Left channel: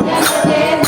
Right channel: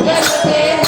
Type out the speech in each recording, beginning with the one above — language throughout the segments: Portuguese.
mulher solteira.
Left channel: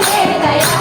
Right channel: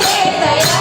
Yeah.